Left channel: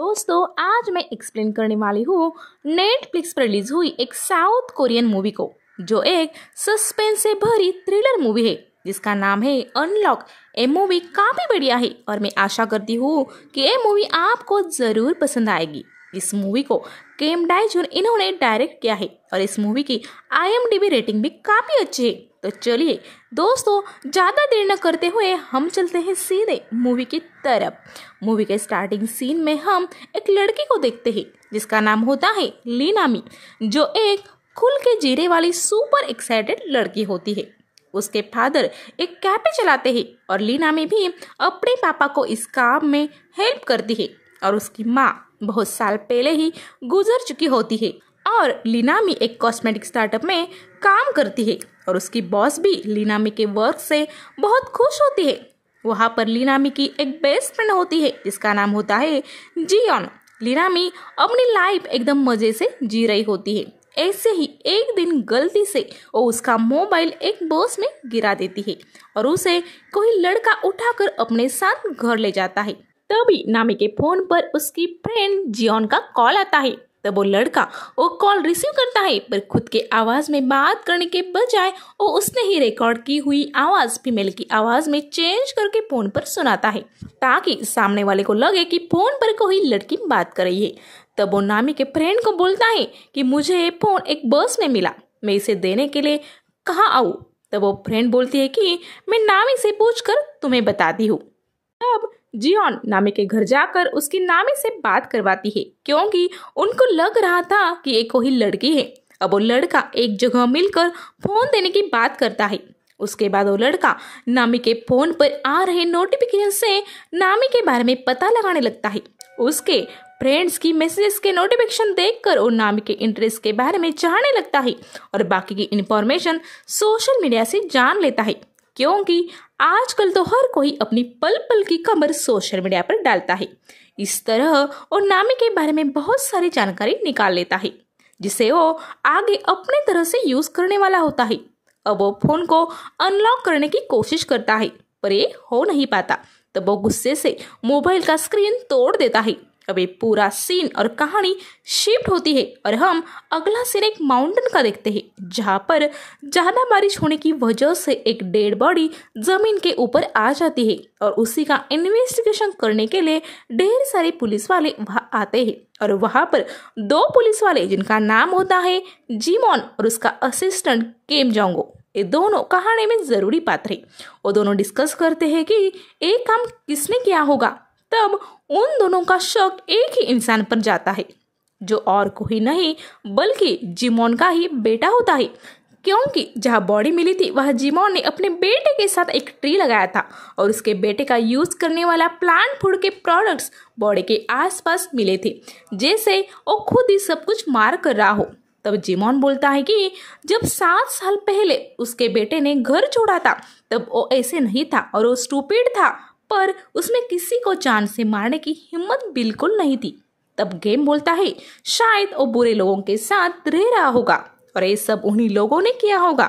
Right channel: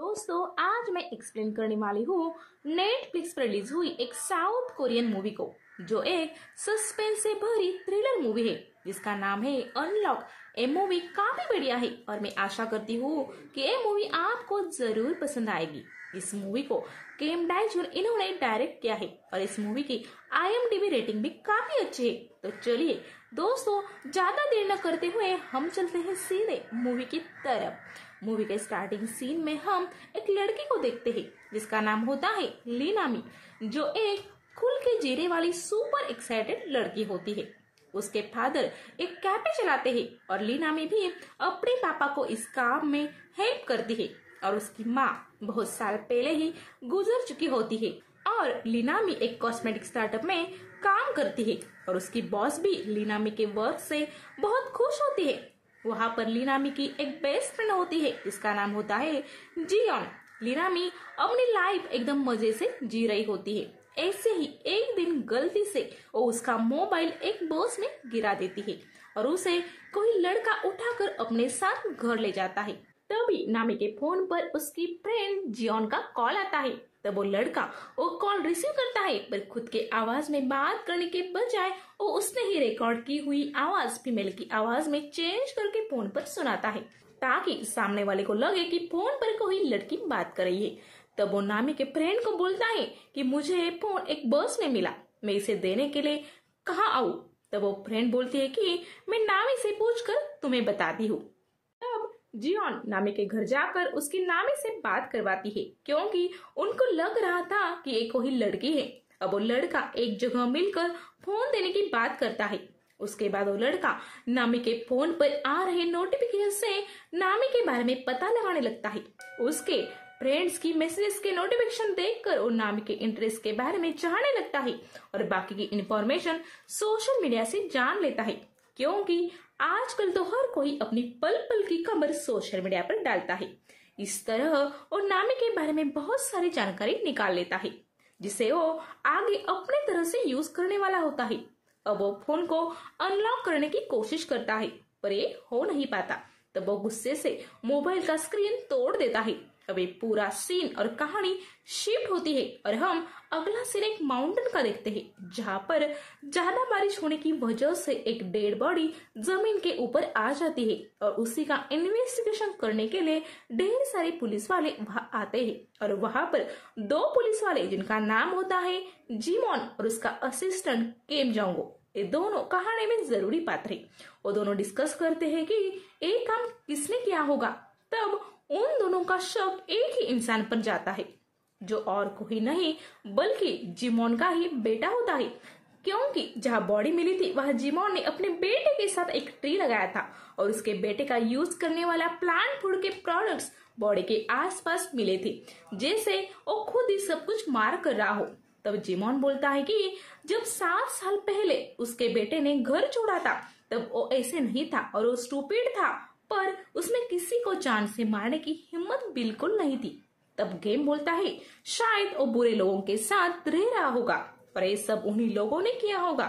दोस्तों आज मैं एक्सप्लेन करने वाली हूँ नेटफ्लिक्स पर रिलीज हुई एक साउथ कोरियन मूवी को, जो एक सस्पेंस से भरी थ्रिलर मूवी है जिसका नाम है अनलॉक। ये मूवी काफी बढ़िया है और मैं आशा करती हूँ कि ये मूवी आपको जरूर पसंद आएगी। इस मूवी को केम डाइजुन इन्होंने डायरेक्ट किया है और इस मूवी की IMDb रेटिंग भी काफी अच्छी है। तो चलिए दोस्तों, ज्यादा देर न करते हुए हम चलते हैं सीधे मूवी की तरफ। मूवी के स्टार्टिंग सीन में हम एक लड़की को देखते हैं जिसका नाम होता है लीनामी, जो एक खुल के जीने वाली सुपर एक्साइटेड लड़की होती है। उसके फादर एक कैफे चलाते हैं और लीनामी भी अपने पापा को इस काम में हेल्प करती है और उसकी माँ बहुत साल पहले ही गुजर चुकी होती है और लीनामी एक कॉस्मेटिक स्टार्टअप में काम करती है और उसकी बॉस भी लीनामी के वर्क से बहुत खुश होती है। वहाँ पर लीनामी की एक बेस्ट फ्रेंड होती है जिसका नाम होता है जियोन। लीनामी अपनी लाइफ एकदम मजे से जी रही होती है। ऐसे ही एक दिन गलती से वो उसका मोबाइल एक बस में गिरा देती है और उसे कोई लड़का उठाकर अपने साथ घर ले जाता है। तभी नामी के फोन पर उसकी फ्रेंड जियोन का कॉल आता है। तब वो लड़का वो कॉल रिसीव करता है, पर खुद के आवाज में बात करने के बजाय वो उसने ही रिकॉर्ड की हुई आवाज फीमेल की आवाज में चेंज करके फोन पर सुनाता है ताकि सामने वाले को लगे कि फोन पर कोई लड़की बात कर रही है। तब वो नामी के फ्रेंड को बोलता है कि मुझे ये फोन एक बस में मिला, मैं इसे देने के लिए कहाँ आऊँ। तब वो फ्रेंड बोलती है कि मैं नामी से पूछकर तुम्हें बताती हूँ। तब जियोन नामी के घर जाकर उसकी नामी से बात करवाती है क्योंकि उनको लग रहा था कि ये कोई लड़की है। अब वो लड़का एक जगह मिलकर फोन देने की बात करता है। उसके बाद वो लड़का नामी के फोन पर आ रहे नोटिफिकेशन से नामी के बारे में पता लगाने लगता है। उसके फ्रेंड्स की मैसेजेस के नोटिफिकेशन देखकर वो नामी के इंटरेस्ट के बारे में जानने लगता है और बाकी की इंफॉर्मेशन सोशल मीडिया से जान लेता है, क्योंकि आजकल तो हर कोई अपनी पल पल की खबर सोशल मीडिया पर डालता है। इस तरह वो नामी के बारे में बहुत सारी जानकारी निकाल लेता है जिसे वो आगे अपने तरह से यूज करने वाला होता है। अब वो फोन को अनलॉक करने की कोशिश करता है पर ये हो नहीं पाता। तब वो गुस्से से मोबाइल का स्क्रीन तोड़ देता है। अब ये पूरा सीन और कहानी शिफ्ट होती है और हम अगला सीन एक माउंटेन का देखते हैं जहाँ पर ज्यादा बारिश होने की वजह से एक डेड बॉडी जमीन के ऊपर आ जाती है और उसी का इन्वेस्टिगेशन करने के लिए ढेर सारे पुलिस वाले वहाँ आते हैं और वहाँ पर दो पुलिस वाले जिनका नाम होता है जिमोन और उसका असिस्टेंट केम जोंगो, ये दोनों कहानी में जरूरी पात्र हैं। वो दोनों डिस्कस करते हैं कि एक काम किसने किया होगा। तब उन दोनों का शक एक ही इंसान पर जाता है जो और कोई नहीं बल्कि जिमोन का ही बेटा होता है, क्योंकि जहाँ बॉडी मिली थी वह जिमोन ने अपने बेटे के साथ एक ट्री लगाया था और उसके बेटे का यूज करने वाला प्लांट फूड के प्रोडक्ट्स बॉडी के आसपास मिले थे, जैसे वो खुद ही सब कुछ मार कर रहा हो। तब जिमोन बोलता है कि जब 7 साल पहले उसके बेटे ने घर छोड़ा था तब वो ऐसे नहीं था और वो स्टूपिड था, पर उसमें किसी को जान से मारने की हिम्मत बिल्कुल नहीं थी। तब गेम बोलता है शायद वो बुरे लोगों के साथ रह रहा होगा और ये सब उन्हीं लोगों ने किया होगा।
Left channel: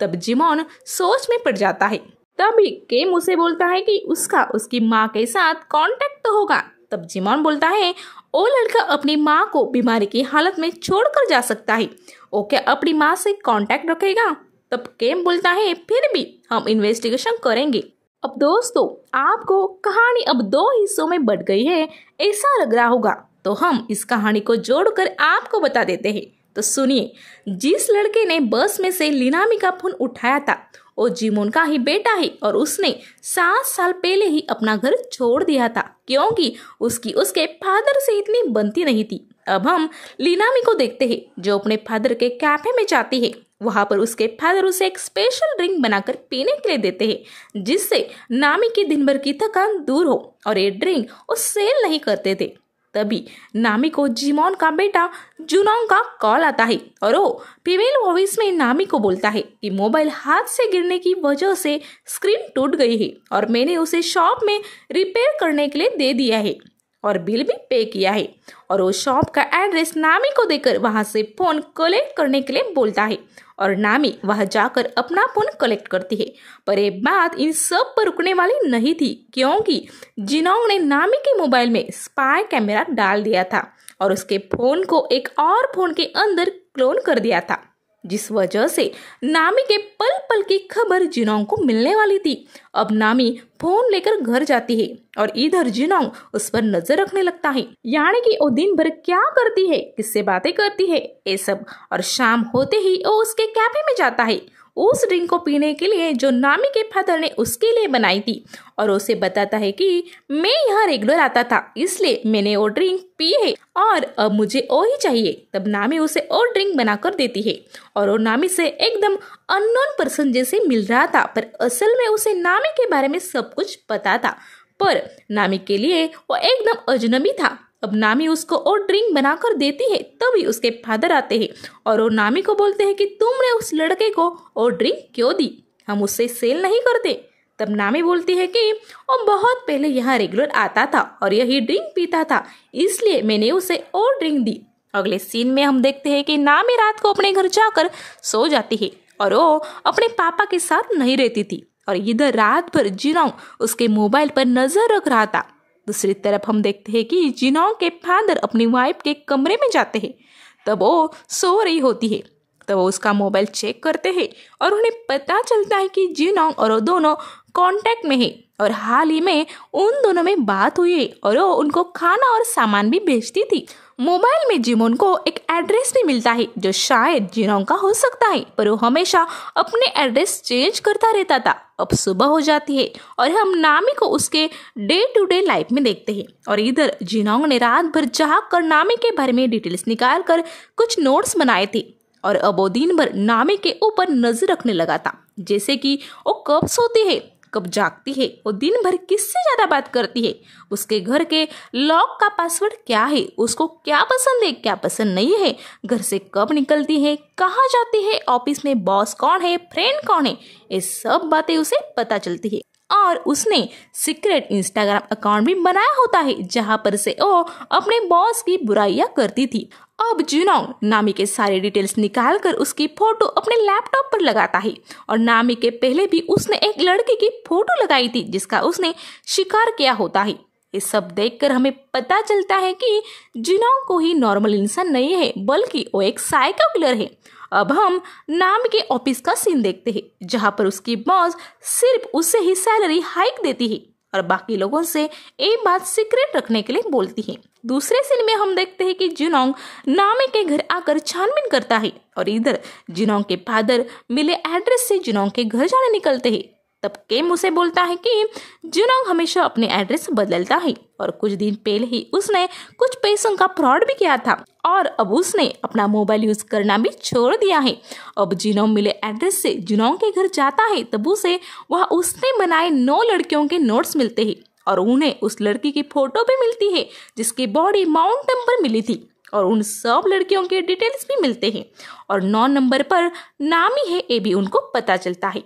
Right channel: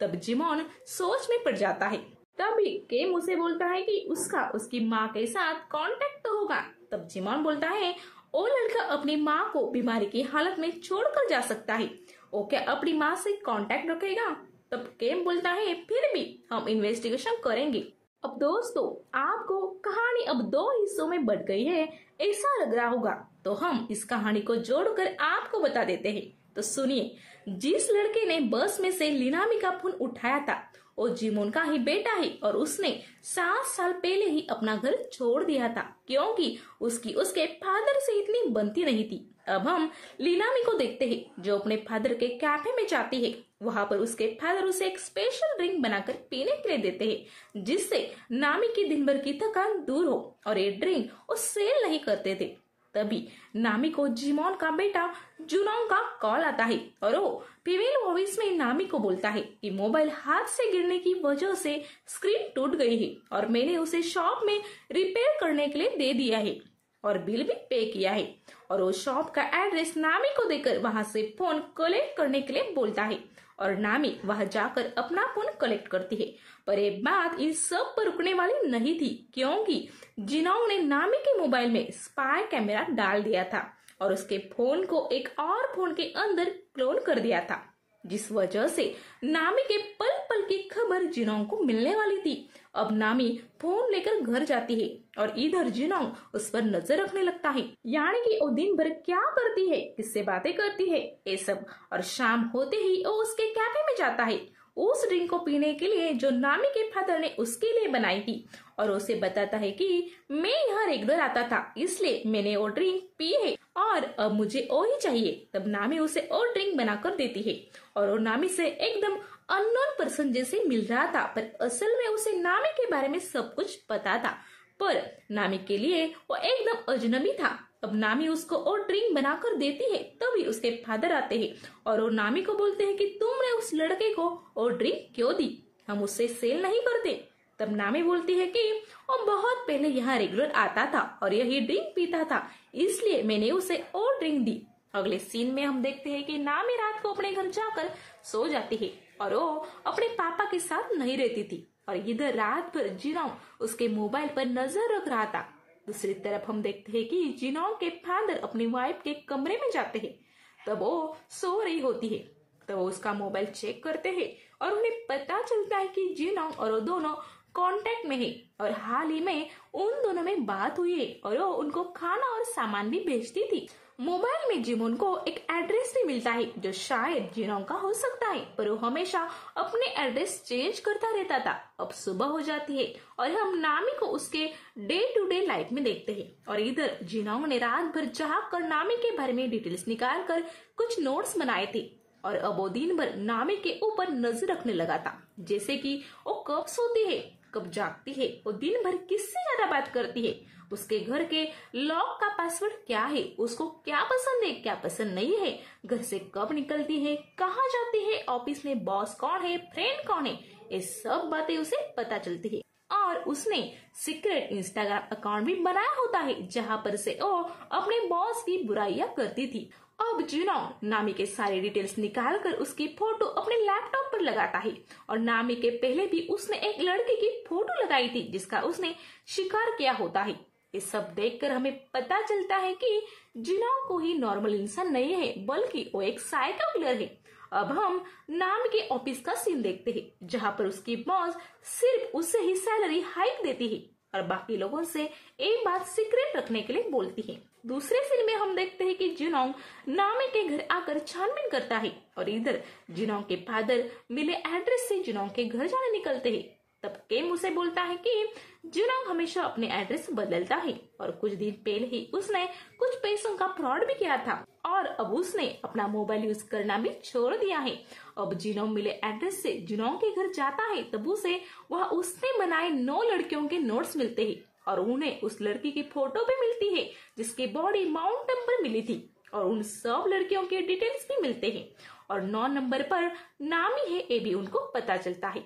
तब जिमोन सोच में पड़ जाता है। तभी गेम उसे बोलता है कि उसका उसकी माँ के साथ कांटेक्ट तो होगा। तब जिमोन बोलता है वो लड़का अपनी माँ को बीमारी की हालत में छोड़कर जा सकता है, वो क्या अपनी माँ से कांटेक्ट रखेगा। तब गेम बोलता है फिर भी हम इन्वेस्टिगेशन करेंगे। अब दोस्तों, आपको कहानी अब 2 हिस्सों में बट गई है ऐसा लग रहा होगा, तो हम इस कहानी को जोड़कर आपको बता देते हैं। तो सुनिए, जिस लड़के ने बस में से लीनामी का फोन उठाया था वो जिमोन का ही बेटा है और उसने 7 साल पहले ही अपना घर छोड़ दिया था क्योंकि उसकी उसके फादर से इतनी बनती नहीं थी। अब हम लीनामी को देखते हैं जो अपने फादर के कैफे में जाती है। वहां पर उसके फादर उसे एक स्पेशल ड्रिंक बनाकर पीने के लिए देते हैं जिससे नामी की दिन भर की थकान दूर हो, और ये ड्रिंक वो सेल नहीं करते थे। तभी नामी को जिमोन का बेटा जुनोंग का कॉल आता है और वो फीमेल वॉइस में नामी को बोलता है कि मोबाइल हाथ से गिरने की वजह से स्क्रीन टूट गई है और मैंने उसे शॉप में रिपेयर करने के लिए दे दिया है। और बिल भी पे किया है और वो शॉप का एड्रेस नामी को देकर वहां से फोन कलेक्ट करने के लिए बोलता है और नामी वहां जाकर अपना फोन कलेक्ट करती है। पर ये बात इन सब पर रुकने वाली नहीं थी, क्योंकि जिनोंग ने नामी के मोबाइल में स्पाई कैमरा डाल दिया था और उसके फोन को एक और फोन के अंदर क्लोन कर दिया था, जिस वजह से नामी के पल पल की खबर जिनोंग को मिलने वाली थी। अब नामी फोन लेकर घर जाती है और इधर जिनोंग उस पर नजर रखने लगता है, यानी कि वो दिन भर क्या करती है, किससे बातें करती है, ये सब। और शाम होते ही वो उसके कैफे में जाता है उस ड्रिंक को पीने के लिए जो नामी के फादर ने उसके लिए बनाई थी और उसे बताता है कि मैं यहाँ रेगुलर आता था, इसलिए मैंने वो ड्रिंक पी है और अब मुझे वो ही चाहिए। तब नामी उसे वो ड्रिंक बनाकर देती है और वो नामी से एकदम अननोन पर्सन जैसे मिल रहा था, पर असल में उसे नामी के बारे में सब कुछ पता था, पर नामी के लिए वो एकदम अजनबी था। अब नामी उसको और ड्रिंक बनाकर देती है, तभी उसके फादर आते हैं और वो नामी को बोलते हैं कि तुमने उस लड़के को और ड्रिंक क्यों दी, हम उससे सेल नहीं करते। तब नामी बोलती है कि वो बहुत पहले यहाँ रेगुलर आता था और यही ड्रिंक पीता था, इसलिए मैंने उसे और ड्रिंक दी। अगले सीन में हम देखते हैं कि नामी रात को अपने घर जाकर सो जाती है और वो अपने पापा के साथ नहीं रहती थी और इधर रात भर जिनोंग उसके मोबाइल पर नजर रख रहा था। दूसरी तरफ हम देखते हैं कि जिनोंग के फादर अपनी वाइफ के कमरे में जाते हैं, तब वो सो रही होती है। तब वो उसका मोबाइल चेक करते हैं और उन्हें पता चलता है कि जिनोंग और वो दोनों कांटेक्ट में है और हाल ही में उन दोनों में बात हुई है और वो उनको खाना और सामान भी भेजती थी। मोबाइल में जिमोन को एक एड्रेस भी मिलता है जो शायद जिनोंग का हो सकता है, पर वो हमेशा अपने एड्रेस चेंज करता रहता था। अब सुबह हो जाती है और हम नामी को उसके डे टू डे लाइफ में देखते हैं और इधर जिनोंग ने रात भर जाग कर नामी के बारे में डिटेल्स निकाल कर कुछ नोट्स बनाए थे और अब वो दिन भर नामी के ऊपर नजर रखने लगा था, जैसे कि वो कब सोती है, कब जागती है, वो दिन भर किससे ज्यादा बात करती है, उसके घर के लॉक का पासवर्ड क्या है, उसको क्या पसंद है क्या पसंद नहीं है, घर से कब निकलती है, कहाँ जाती है, ऑफिस में बॉस कौन है, फ्रेंड कौन है, ये सब बातें उसे पता चलती है। और उसने सीक्रेट इंस्टाग्राम अकाउंट भी बनाया होता है जहां पर से वो अपने बॉस की बुराइयां करती थी। अब जिनोंग नामी के सारे डिटेल्स निकाल कर उसकी फोटो अपने लैपटॉप पर लगाता है और नामी के पहले भी उसने एक लड़की की फोटो लगाई थी जिसका उसने शिकार किया होता है। ये सब देखकर हमें पता चलता है कि जिनोंग कोई नॉर्मल इंसान नहीं है, बल्कि वो एक साइको किलर है। अब हम नामी के ऑफिस का सीन देखते हैं जहां पर उसकी बॉस सिर्फ उसे ही सैलरी हाइक देती है और बाकी लोगों से ये बात सीक्रेट रखने के लिए बोलती है। दूसरे सीन में हम देखते हैं कि जिनोंग नामी के घर आकर छानबीन करता है और इधर जिनोंग के फादर मिले एड्रेस से जिनोंग के घर जाने निकलते हैं। तब केम उसे बोलता है कि जिनोंग हमेशा अपने एड्रेस बदलता है और कुछ दिन पहले ही उसने कुछ पैसों का फ्रॉड भी किया था और अब उसने अपना मोबाइल यूज करना भी छोड़ दिया है। अब जिनोंग मिले एड्रेस से जिनोंग के घर जाता है तब उसे वह उसने बनाए 9 लड़कियों के नोट्स मिलते हैं और उन्हें उस लड़की की फोटो भी मिलती है जिसकी बॉडी माउंटेन पर मिली थी और उन सब लड़कियों के डिटेल्स भी मिलते हैं और 9 नंबर पर नामी है ये भी उनको पता चलता है।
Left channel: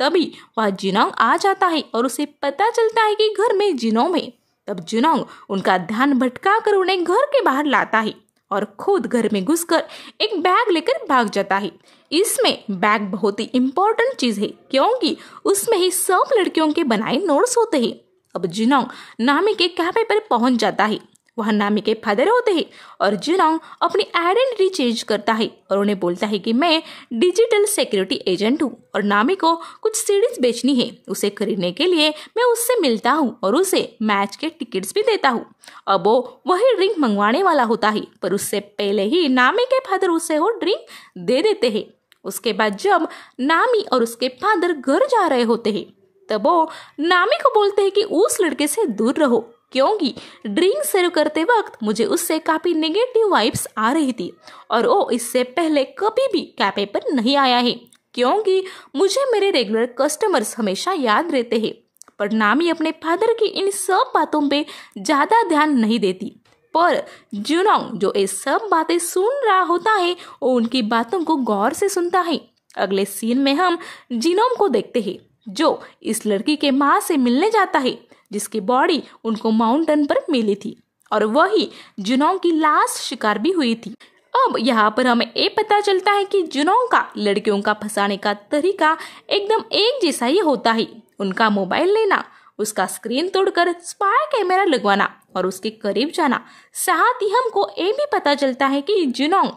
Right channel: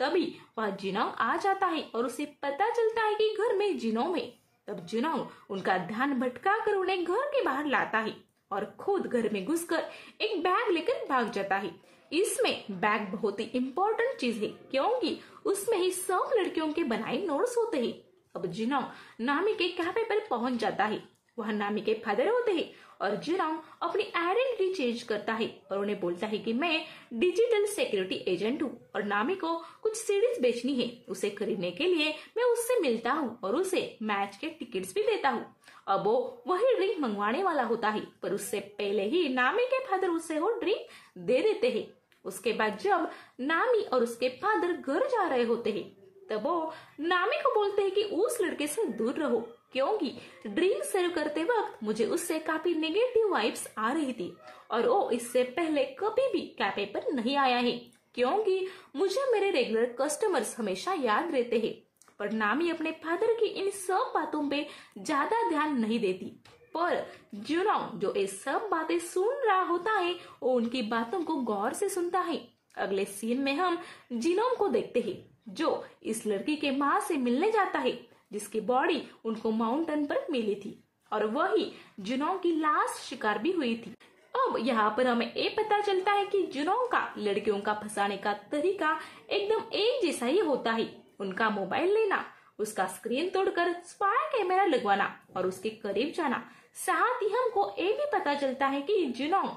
तभी वह जिनोंग आ जाता है और उसे पता चलता है कि घर में जिनोंग है। तब जिनोंग उनका ध्यान भटका कर उन्हें घर के बाहर लाता है और खुद घर में घुसकर एक बैग लेकर भाग जाता है। इसमें बैग बहुत ही इम्पोर्टेंट चीज है क्योंकि उसमें ही सब लड़कियों के बनाए नोट्स होते हैं। अब जिनोंग नामी के कैफे पर पहुंच जाता है, वह नामी के फादर होते हैं और जिनोंग अपनी आइडेंटिटी चेंज करता है और उन्हें बोलता है कि मैं डिजिटल सिक्योरिटी एजेंट हूँ और नामी को कुछ सीरीज बेचनी है, उसे खरीदने के लिए मैं उससे मिलता हूँ और उसे मैच के टिकट्स भी देता हूँ। अब वो वही ड्रिंक मंगवाने वाला होता है पर उससे पहले ही नामी के फादर उसे वो ड्रिंक दे देते हैं। उसके बाद जब नामी और उसके फादर घर जा रहे होते हैं तब वो नामी को बोलते हैं कि उस लड़के से दूर रहो क्योंकि ड्रिंक सर्व करते वक्त मुझे उससे काफी नेगेटिव वाइब्स आ रही थी और वो इससे पहले कभी भी कैफे पर नहीं आया है क्योंकि मुझे मेरे रेगुलर कस्टमर्स हमेशा याद रहते हैं। पर नामी अपने फादर की इन सब बातों पे ज्यादा ध्यान नहीं देती, पर जिनोंग जो ये सब बातें सुन रहा होता है वो उनकी बातों को गौर से सुनता है। अगले सीन में हम जिनोंग को देखते हैं जो इस लड़की के माँ से मिलने जाता है जिसकी बॉडी उनको माउंटेन पर मिली थी और वही जुनोंग की लास्ट शिकार भी हुई थी। अब यहाँ पर हमें ये पता चलता है कि जुनोंग का लड़कियों का फंसाने का तरीका एकदम एक जैसा ही होता है। उनका मोबाइल लेना, उसका स्क्रीन तोड़कर स्पाई कैमरा लगवाना और उसके करीब जाना। साथ ही हमको ये भी पता चलता है कि जुनोंग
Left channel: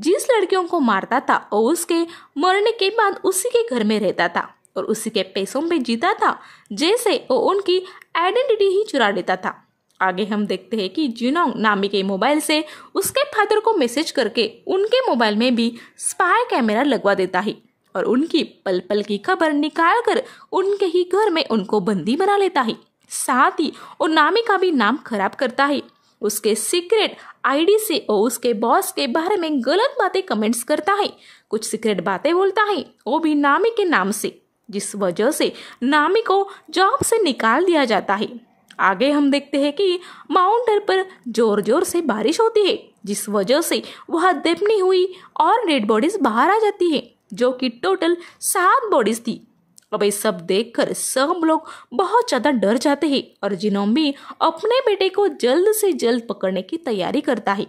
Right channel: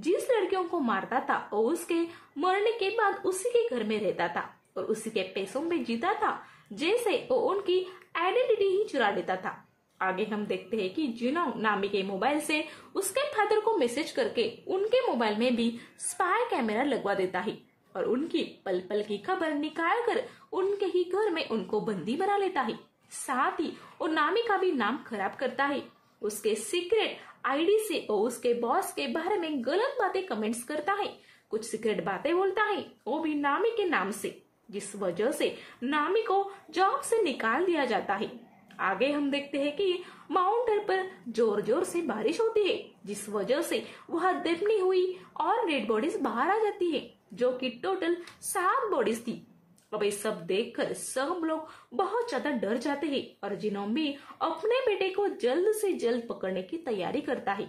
जिस लड़कियों को मारता था और उसके मरने के बाद उसी के घर में रहता था और उसी के पैसों में जीता था, जैसे वो उनकी आइडेंटिटी ही चुरा लेता था। आगे हम देखते हैं कि जुनोंग नामी के मोबाइल से उसके फादर को मैसेज करके उनके मोबाइल में भी स्पाई कैमरा लगवा देता है और उनकी पल पल की खबर निकाल कर उनके ही घर में उनको बंदी बना लेता है। साथ ही वो नामी का भी नाम खराब करता है। उसके सीक्रेट आईडी से वो उसके बॉस के बारे में गलत बातें कमेंट्स करता है, कुछ सीक्रेट बातें बोलता है, वो भी नामी के नाम से, जिस वजह से नामी को जॉब से निकाल दिया जाता है। आगे हम देखते हैं कि माउंटेन पर जोर जोर से बारिश होती है, जिस वजह से वह दबनी हुई और डेड बॉडीज बाहर आ जाती है, जो कि टोटल 7 बॉडीज थी। अब ये सब देखकर सब लोग बहुत ज्यादा डर जाते हैं और जुनोंग भी अपने बेटे को जल्द से जल्द पकड़ने की तैयारी करता है।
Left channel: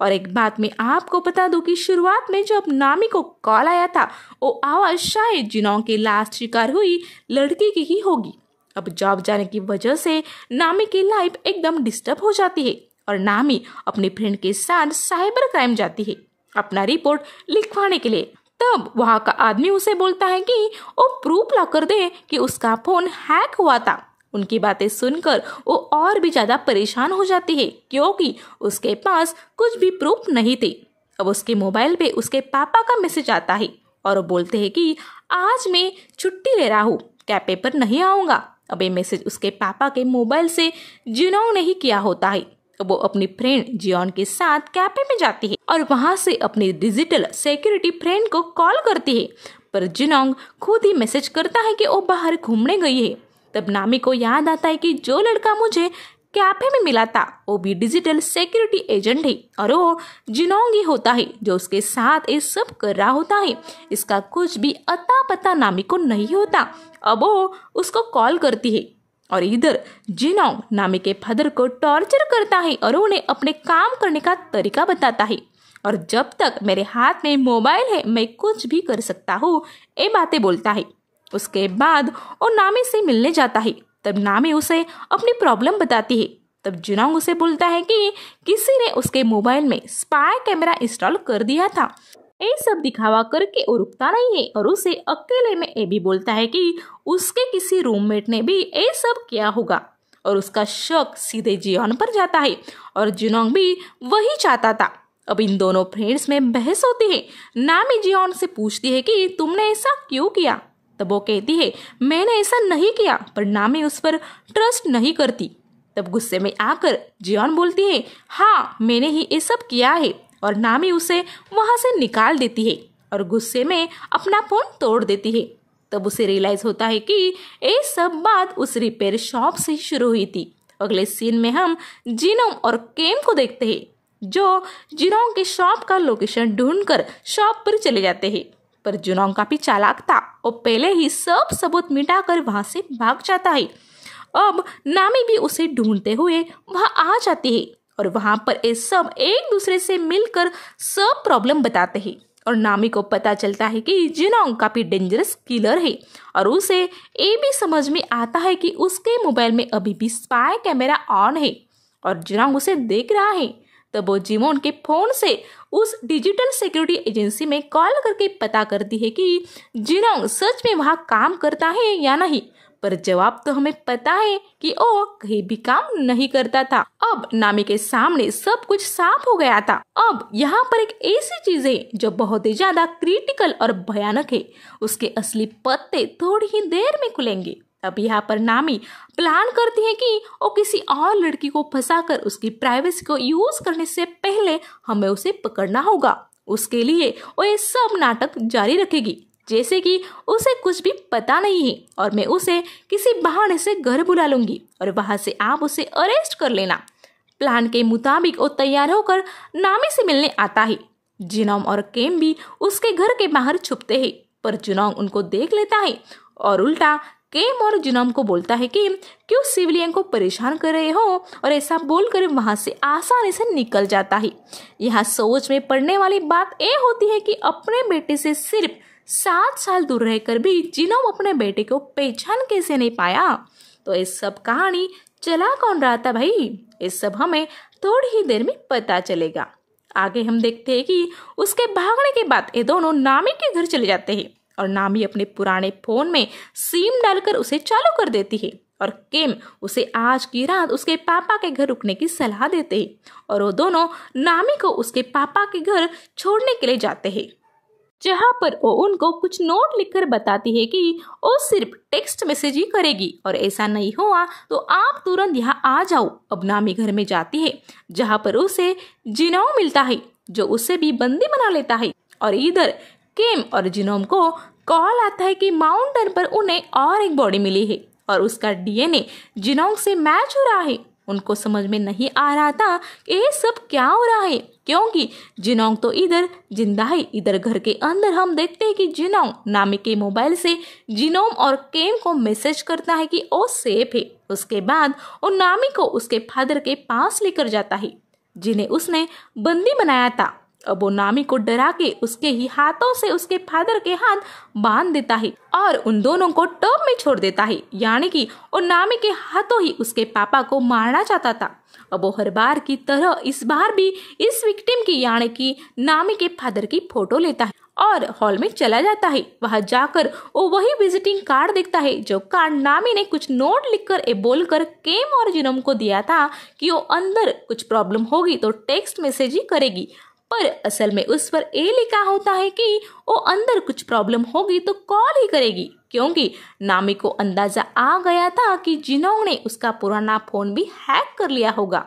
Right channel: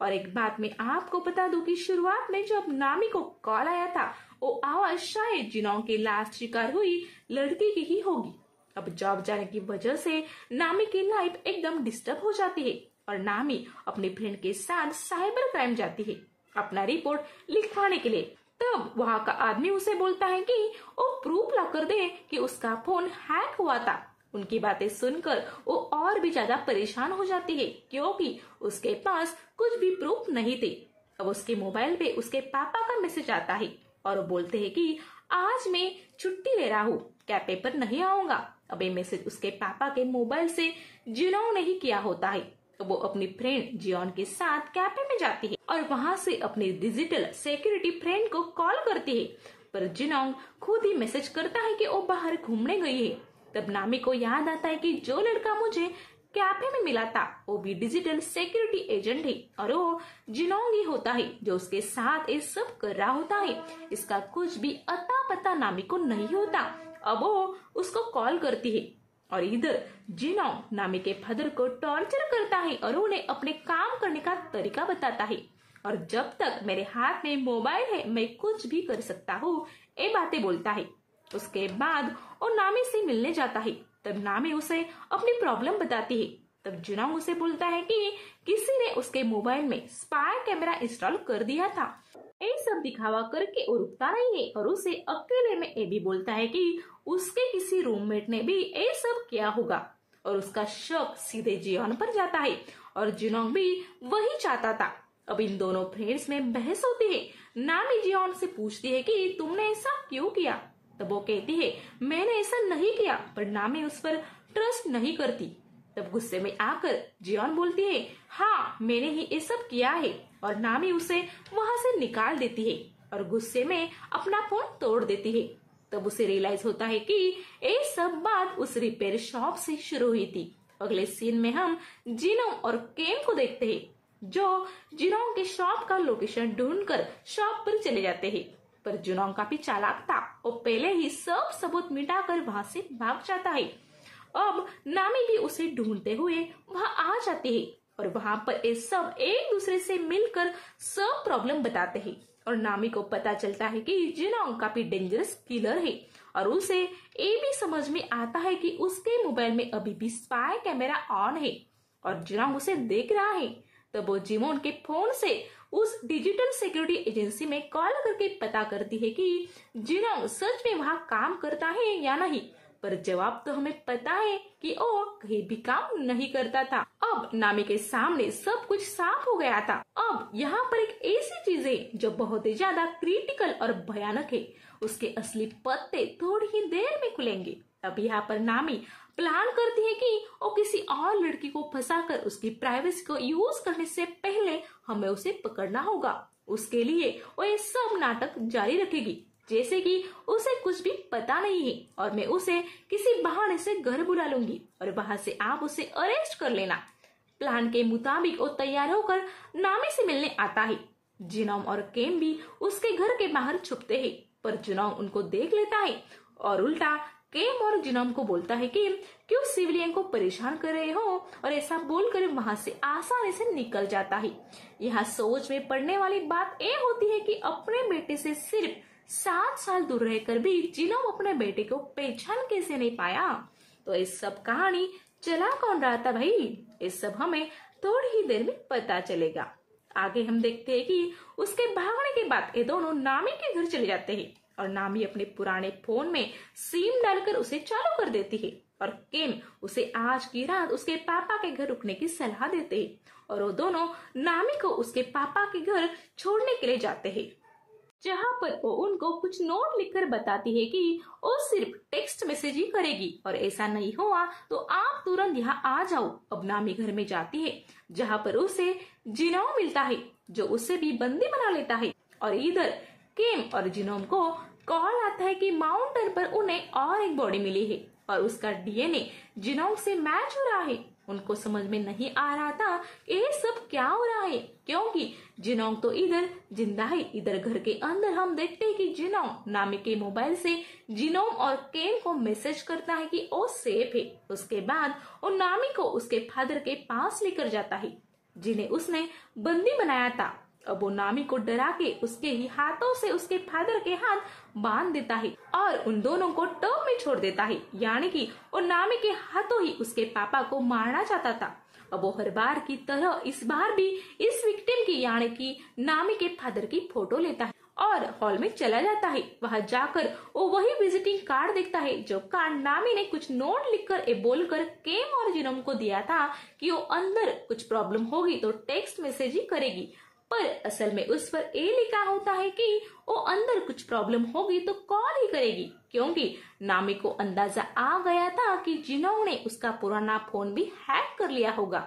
और एक बात मैं आपको बता दूं कि शुरुआत में जब नामी को कॉल आया था, वो आवाज शायद जुनोंग की लास्ट शिकार हुई लड़की की ही होगी। अब जॉब जाने की वजह से नामी की लाइफ एकदम डिस्टर्ब हो जाती है और नामी अपनी फ्रेंड के साथ साइबर क्राइम जाती है अपना रिपोर्ट लिखवाने के लिए। तब वहाँ का आदमी उसे बोलता है कि वो प्रूफ ला कर दे कि उसका फोन हैक हुआ था। उनकी बातें सुनकर वो और भी ज्यादा परेशान हो जाती है, क्योंकि उसके पास कुछ भी प्रूफ नहीं थे। अब उसके मोबाइल पे उसके पापा का मैसेज आता है और वो बोलते हैं कि आज मैं छुट्टी ले रहा हूँ, कैफे पर नहीं आऊंगा। अब ये मैसेज उसके पापा के मोबाइल से जुनोंग ने ही किया होता है। वो अपनी फ्रेंड जियोन के साथ कैफे में जाती है और वहां से अपनी डिजिटल सिक्योरिटी फ्रेंड को कॉल करती है, पर जुनोंग खुद ही मैसेज करता है कि वो बाहर घूमने गई है। तब नामी को याद आता है कि जो लड़का मुझे कैफे में मिला था वो भी डिजिटल सिक्योरिटी एजेंट है और वो जुनोंग ही होता है जो उसके साथ ये सब कर रहा होता है। इसका कुछ भी अता पता नामी को नहीं होता। अब वो उसको कॉल करती है और इधर जुनोंग नामी के फादर को टॉर्चर करता है और उन्हें अपने काम करने का तरीका बताता है। और जब तक मेरे हाथ में मोबाइल है मैं कुछ भी कर सकता हूँ, ये बातें बोलता है। उसके बाद वो नामी से मिलने जाता है। तब नामी उसे अपनी प्रॉब्लम बताती है। तब जुनोंग उसे बोलता है कि किसी ने उसके मोबाइल में स्पाई कैमरा इंस्टॉल कर दिया था। ये सब दिखावा करके वो रुकता नहीं है और उसे अकेले में ये भी बोलता है कि उसके किसी रूममेट ने भी ये सब किया होगा और उसका शक सीधे जियोन पर जाता है और जुनोंग भी वही चाहता था। अब इन दोनों फ्रेंड्स में बहस होती है। नामी जियोन से पूछती है कि तुमने ऐसा क्यों किया। तब वो कहती है मैंने ऐसा नहीं किया, पर नामी उस पर ट्रस्ट नहीं करती। तब गुस्से में आकर जियोन बोलती है हाँ मैंने ही ये सब किया है और नामी उसे वहां से निकाल देती है और गुस्से में अपना फोन तोड़ देती है। तब उसे रियलाइज होता है कि ये सब बात उस रिपेयर शॉप से शुरू हुई थी। अगले सीन में हम जुनोंग और केम को देखते हैं, जो जुनोंग के शॉप का लोकेशन ढूंढकर शॉप पर चले जाते हैं। पर जुनोंग काफी चालाक था, वो पहले ही सब सबूत मिटाकर वहां से भाग जाता है। अब नामी भी उसे ढूंढते हुए वहां आ जाती है और वहां पर ये सब एक दूसरे से मिलकर सब प्रॉब्लम बताते हैं और नामी को पता चलता है कि जुनोंग काफी डेंजरस किलर है और उसे ये भी समझ में आता है कि उसके मोबाइल में अभी भी स्पाई कैमरा ऑन है और जुनोंग उसे देख रहा है। तब वो जिमोन के फोन से उस डिजिटल सिक्योरिटी एजेंसी में कॉल करके पता करती है कि जुनोंग सच में वहां काम करता है या नहीं, पर जवाब तो हमें पता है कि वो कहीं भी काम नहीं करता था। अब नामी के सामने सब कुछ साफ हो गया था। अब यहाँ पर एक ऐसी चीज है जो बहुत ही ज्यादा क्रिटिकल और भयानक है। उसके असली पत्ते थोड़ी ही देर में खुलेंगे। अब यहाँ पर नामी प्लान करती है कि वो किसी और लड़की को फंसाकर उसकी प्राइवेसी को यूज करने से पहले हमें उसे पकड़ना होगा। उसके लिए वो ये सब नाटक जारी रखेगी जैसे कि उसे कुछ भी पता नहीं है और मैं उसे किसी बहाने से घर बुला लूंगी और वहां से आप उसे अरेस्ट कर लेना। प्लान के मुताबिक वो तैयार होकर नामी से मिलने आता है। जुनोंग और केम भी उसके घर के बाहर छुपते हैं, पर जुनोंग उनको देख लेता है और उल्टा केम और जिनोम को बोलता है कि क्यों सिविलियन को परेशान कर रहे हो, और ऐसा बोलकर वहां से आसानी से निकल जाता है। यहाँ सोच में पड़ने वाली बात ये होती है कि अपने बेटे से सिर्फ 7 साल दूर रहकर भी जिनोम अपने बेटे को पहचान कैसे नहीं पाया। तो ये सब कहानी चला कौन रहा था भाई, ये सब हमें थोड़ी ही देर में पता चलेगा। आगे हम देखते हैं कि उसके भागने के बाद ये दोनों नामी के घर चले जाते हैं और नामी अपने पुराने फोन में सिम डालकर उसे चालू कर देती है और केम उसे आज की रात उसके पापा के घर रुकने की सलाह देते हैं और वो दोनों नामी को उसके पापा के घर छोड़ने के लिए जाते हैं, जहाँ पर वो उनको कुछ नोट लिखकर बताती है कि वो सिर्फ टेक्स्ट मैसेज ही करेगी और ऐसा नहीं हुआ तो आप तुरंत यहाँ आ जाओ। अब नामी घर में जाती है जहाँ पर उसे जिनोम मिलता है जो उसे भी बंदी बना लेता है और इधर केम और जिनोम को कॉल आता है कि माउंटेन पर उन्हें और एक बॉडी मिली है और उसका डीएनए जिनोम से मैच हो रहा है। उनको समझ में नहीं आ रहा था कि ये सब क्या हो रहा है, क्योंकि जिनोंग तो इधर जिंदा है। इधर घर के अंदर हम देखते हैं कि जिनोंग नामी के मोबाइल से जिनोम और केम को मैसेज करता है कि वो सेफ है। उसके बाद वो नामी को उसके फादर के पास लेकर जाता है जिन्हें उसने बंदी बनाया था। अब वो नामी को डरा के उसके ही हाथों से उसके फादर के हाथ बांध देता है और उन दोनों को टब में छोड़ देता है, यानी कि वो नामी के हाथों ही उसके पापा को मारना चाहता था। अब वो हर बार की तरह इस बार भी इस विक्टिम की यानी कि नामी के फादर की फोटो लेता है और हॉल में चला जाता है। वहां जाकर वो वही विजिटिंग कार्ड देखता है जो कार्ड नामी ने कुछ नोट लिखकर ए बोलकर केम और जिनोम को दिया था कि वो अंदर कुछ प्रॉब्लम होगी तो टेक्स्ट मैसेज ही करेगी, पर असल में उस पर ये लिखा होता है कि वो अंदर कुछ प्रॉब्लम होगी तो कॉल ही करेगी, क्योंकि नामी को अंदाजा आ गया था कि जिनोंग ने उसका पुराना फोन भी हैक कर लिया होगा।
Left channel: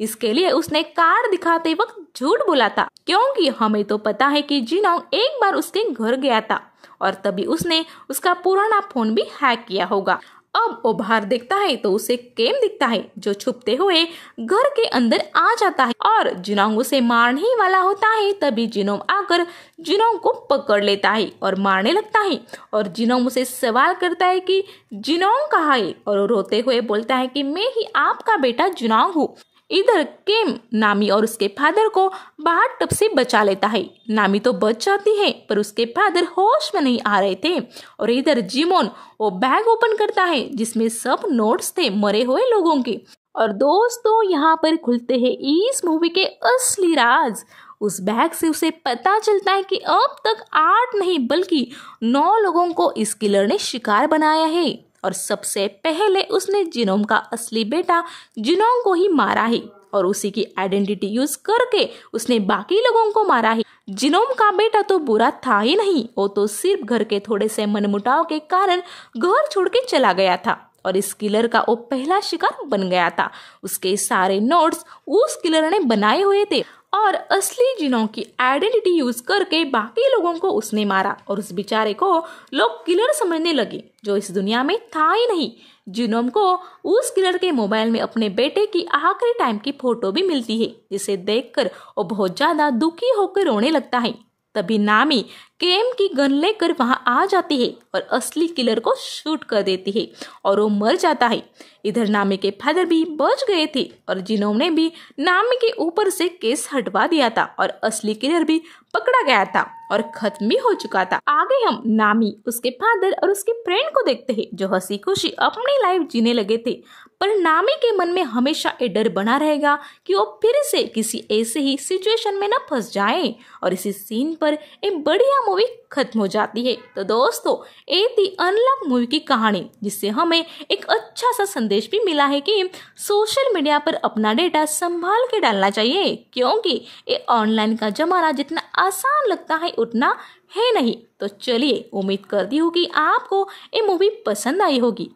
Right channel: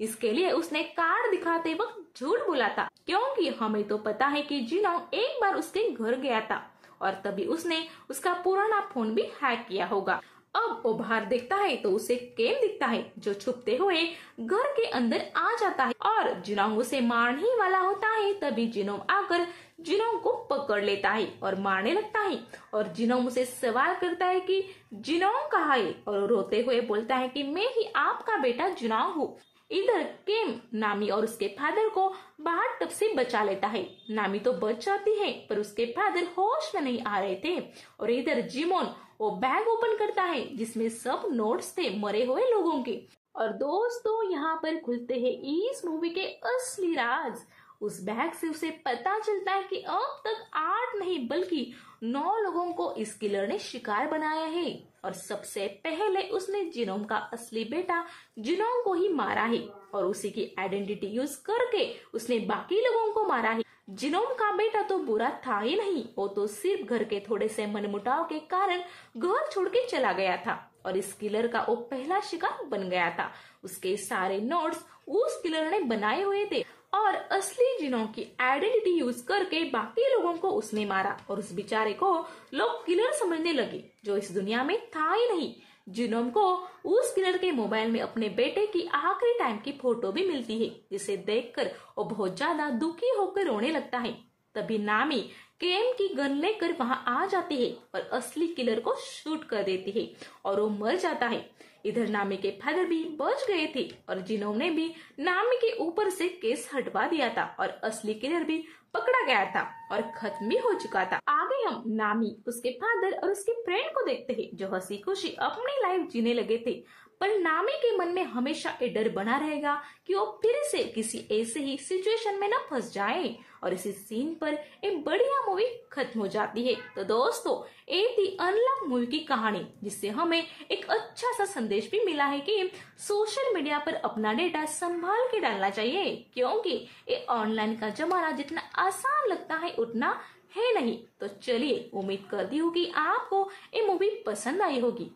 इसके लिए उसने कार्ड दिखाते वक्त झूठ बोला था, क्योंकि हमें तो पता है कि जिनोंग एक बार उसके घर गया था और तभी उसने उसका पुराना फोन भी हैक किया होगा। अब वो बाहर देखता है तो उसे केम दिखता है जो छुपते हुए घर के अंदर आ जाता है और जिनोंग उसे मारने ही वाला होता है। तभी जिनोंग आकर जिनोंग को पकड़ लेता है और मारने लगता है और जिनोंग उसे सवाल करता है कि जिनोंग कहाँ है और वो रोते हुए बोलता है कि मैं ही आपका बेटा जिनोंग हूँ। इधर केम नामी और उसके फादर को बाहर टब से बचा लेता है। नामी तो बच जाती है पर उसके फादर होश में नहीं आ रहे थे और इधर जिमोन वो बैग ओपन करता है जिसमें सब नोट्स थे मरे हुए लोगों के। और दोस्तों यहाँ पर खुलते हैं इस मूवी के असली राज। उस बैग से उसे पता चलता है कि अब तक 8 नहीं बल्कि 9 लोगों को इस किलर ने शिकार बनाया है और सबसे पहले उसने जिनोम का असली बेटा जिनोंग को ही मारा है और उसी की आइडेंटिटी यूज करके उसने बाकी लोगों को मारा है। जिनोम का बेटा तो बुरा था ही नहीं, वो तो सिर्फ घर के थोड़े से मनमुटाव के कारण घर छोड़ के चला गया था और इस किलर का वो पहला शिकार बन गया था। उसके सारे नोट्स उस किलर ने बनाए हुए थे और असली जिनोंग की आइडेंटिटी यूज करके बाकी लोगों को उसने मारा और उस बेचारे को लोग किलर समझने लगे जो इस दुनिया में था ही नहीं। जिनोंग को उस किलर के मोबाइल में अपने बेटे की आखिरी टाइम की फोटो भी मिलती है जिसे देखकर वो बहुत ज्यादा दुखी होकर रोने लगता है। तभी नामी केम की गन लेकर वहां आ जाती है और असली किलर को शूट कर देती है और वो मर जाता है। इधर नामी के फादर भी बच गए थे और जिनोंग ने भी नामी के ऊपर से केस हटवा दिया था और असली किलर भी पकड़ा गया था और खत्म भी हो चुका था। आगे हम नामी, उसके फादर और उसके फ्रेंड को देखते हैं जो हंसी खुशी अपनी लाइफ जीने लगे थे, पर नामी के मन में हमेशा ये डर बना रहेगा कि वो फिर से किसी ऐसे ही सिचुएशन में न फंस जाए और इसी सीन पर एक बढ़िया मूवी खत्म हो जाती है। तो दोस्तों ये थी अनलॉक मूवी की कहानी जिससे हमें एक अच्छा सा संदेश भी मिला है कि सोशल मीडिया पर अपना डेटा संभाल के डालना चाहिए, क्योंकि ये ऑनलाइन का जमाना जितना आसान लगता है उतना है नहीं। तो चलिए उम्मीद करती हूँ कि आपको ये मूवी पसंद आई होगी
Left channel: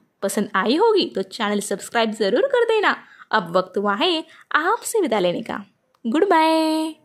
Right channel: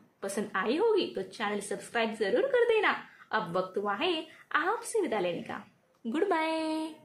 तो चैनल सब्सक्राइब जरूर कर देना। अब वक्त हुआ है आपसे विदा लेने का। Good bye.